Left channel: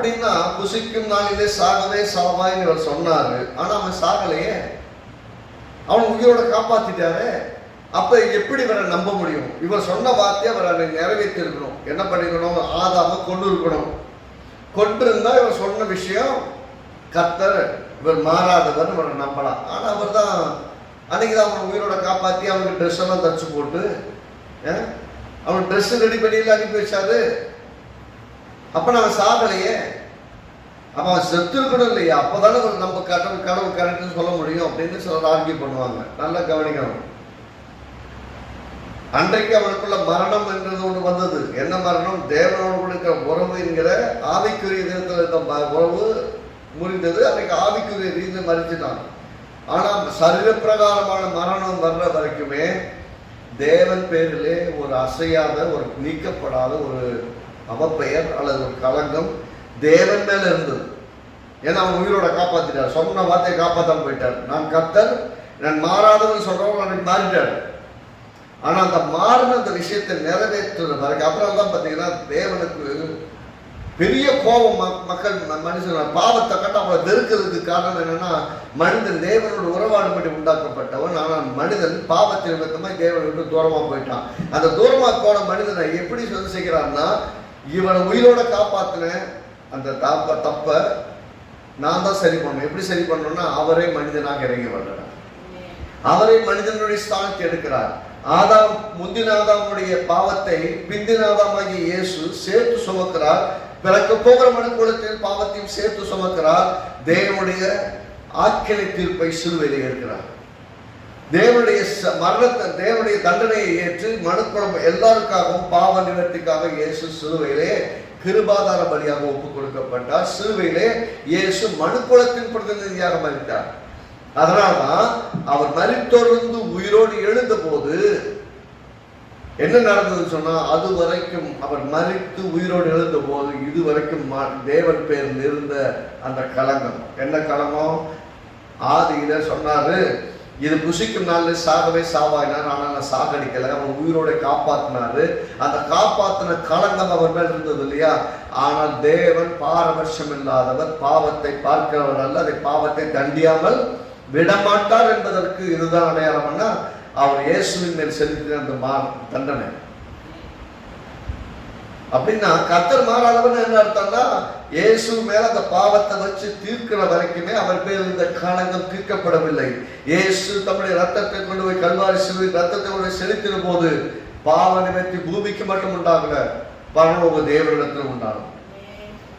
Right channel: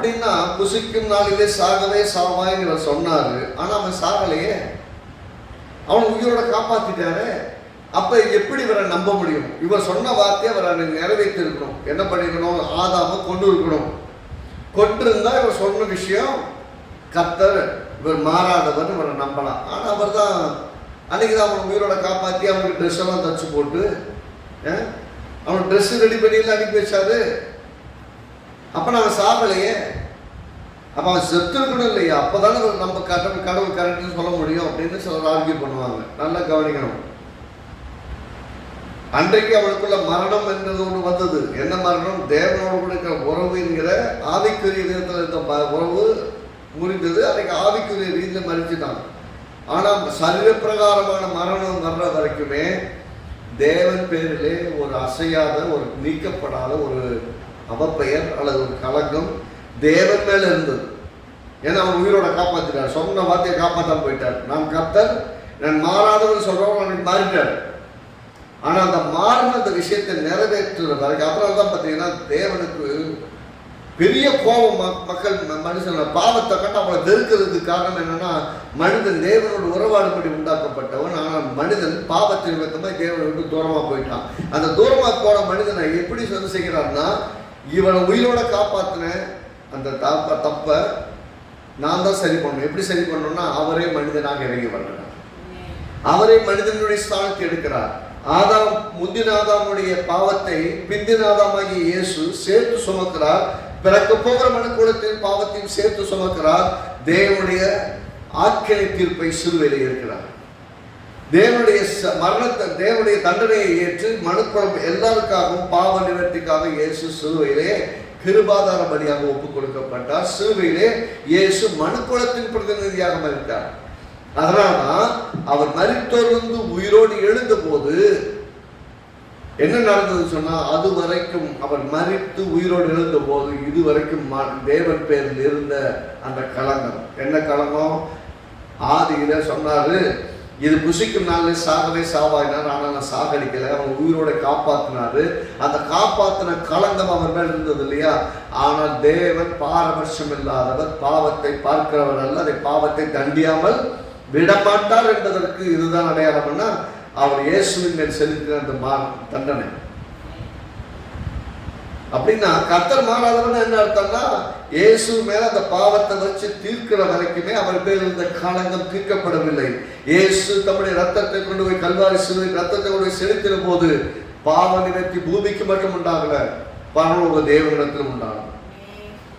அப்படின்னா புசிக்கும் நாளிலே சாகவே சாவாயின்னு இவர் சொன்னாரு. ஆனா அவன் சாகலையே. அவன் உயிரோட காப்பாத்திட்டாரு. அப்ப எப்படி இவரை நம்ப முடியும்? இவர் சொன்ன வார்த்தையை அவரை நிறைவேற்றி இருக்கணும் என்ன பண்ணிக்கணும் ஆதாம கொண்டு இருக்கணும். கொண்டிருந்தா இவர் சொன்ன விஷயம் கத்தர் இவர் மாறாதவர் இவரை நம்பலாம். ஆனா அவர் தான் அன்னைக்கு தான் அவன் உயிரோட காப்பாத்தி அவனுக்கு ட்ரெஸ் எல்லாம் தச்சு போட்டு அஹ், அவன் ட்ரெஸ் ரெடி பண்ணியில் அனுப்பி வச்சாரு. அப்போ நாங்கள் சாகலையே. அப்போ அவன் செத்து இருக்கணும் இல்லையா. அப்போ தானே நம்ம கடவுள் கடவுள் கரெக்டுன்னு சொல்ல முடியும் அப்படின்னு சிலர் ஆர்கியூ பண்ணுவாங்க. நல்லா கவனிக்கணும். அன்றைக்கு அவனுக்குள்ள மரணம் என்றது ஒன்று வந்தது. என்ன மரணம்? தேவனோடு இருக்கிற உறவு என்கிற ஆவிக்குரிய விதத்தில் இந்த உறவு முறிந்தது. அன்றைக்கு ஆவிக்குரிய ரீதியில் மறிச்சுட்டான் ஆனால் சரீரப்பிரகாரமான மரணம் வர்ற வரைக்குமே தேவன் பேரிலே ஒரு அசையாத ஒரு நீக்கப்படாத ஒரு அவப்பெயர் அல்லது ஒரு கலங்கம் தேவன் மேல இருந்தது. ஏன்னா அவன் உயிரோட காப்பாத்திட்டார். சொன்ன வார்த்தையை காப்பாற்றாம போயிட்டார். நான் கத்தர் நான் மாறாதவன் சொல்றவங்க அன்னைக்கு மாறிட்டார். ஆனா அந்த மாறின அந்த விஷயத்தை நிறைவேற்றுறதுக்கு அப்புறம் தான் பார்த்தீங்கன்னா தேவனுக்கு பெரிய கோபம் மக்கள் மனுஷன் பாவத்தை கட்ட அவளை வெறுக்கிறதுக்கு காரணம் என்னன்னா மனிதன் தேவனோட உறவாடுபடி உண்டாக்கப்பட்டவன். ஆனால் மனிதன் பாவத்தின் விதமாக தேவனை விட்டு தூரமாக போயிட்டான். அந்த தூரமாக போன மனிதனை எப்படி சொந்த செய்கிறான்னா இவனை உயிரோட காப்பாத்தின அந்த தப்ப தப்ப நான் தான் சரி பண்ணணும். எப்படி சரி பண்ணணும்னா அவரே மனிதனாக இறங்கி வர்றார். அவரே மனிதனுடைய ஸ்தானத்தை எடுக்கிறார். ஆதாம் முந்தின ஆதாமுடைய பாவத்தை பிந்தின ஆதாமாகிய இயேசு சேர்த்து சுமக்கிறார். பிறக்க போகிற மனுக்குளத்தின் பாவத்தையும் சேர்த்து சுமக்கிறார். தேவனுடைய ஆக்கினை தீர்ப்பை சிலுவையில் இருக்கிறார். தேவனுடைய மரணத்தை தேவனுடைய தண்டனையை ஏற்று மனுக்குளம் எல்லாருக்காகவும் பாவ நிவர்த்திக்காக இயேசு சிறுவையிலே கிருபாதார பலியாக ஒப்பு கொடுக்கப்பட்டார் சிறுவையிலே இயேசு மனுக்குளத்தின் பிரதிநிதியாக மறித்தார். அதனால்தான் அவர் மறித்தொருந்து உயிரோடு எழுந்த போது என்ன நடந்ததுன்னு சொன்னா அது வரைக்கும் அவர் மறித்து உயிரோடு எழுந்த போது இது வரைக்கும் தேவன் பேரில் இருந்த அந்த களங்கம். என்ன களங்கம்? ஆதியில சொன்னாரு இது புசிக்கும் நாளில் சாகவே சாவாயினார் ஆனால் நான் சாகடிக்கல. அவன் உயிரோட காப்பாத்தினாரு. அந்த காப்பாத்தின களங்கம் அவர் மேல் இருந்தது இல்லையா? ஆனால் தேவன் பாரபட்சம் இல்லாதவர் பாவத்தை பார்க்கிறவர் அல்ல. அதை பாவத்தை தண்டியாமல் விடமாட்டார் என்பதற்கு இதுதான் அடையாளம்னா அவர் இயேசுவின் மேல் செலுத்தின அந்த மா தண்டனை. அப்படின்னா கத்தர் மாறாதவன் என்ன அர்த்தம்னா இயேசு மேல அந்த பாவத்தை வச்சு தீர்க்கிற வரைக்குமே அவர் பேர் இருந்த காலங்கள் தீர்க்கப்படவில்லை. இயேசு தம்முடைய ரத்தத்தை கொண்டு போய் கல்வாரி சிறு ரத்தத்தை கொண்டு செலுத்தின போது பாவ நினைத்து பூமிக்கு மட்டும் உண்டாகல பரலோக தேவனிடத்திலும் உண்டாகும்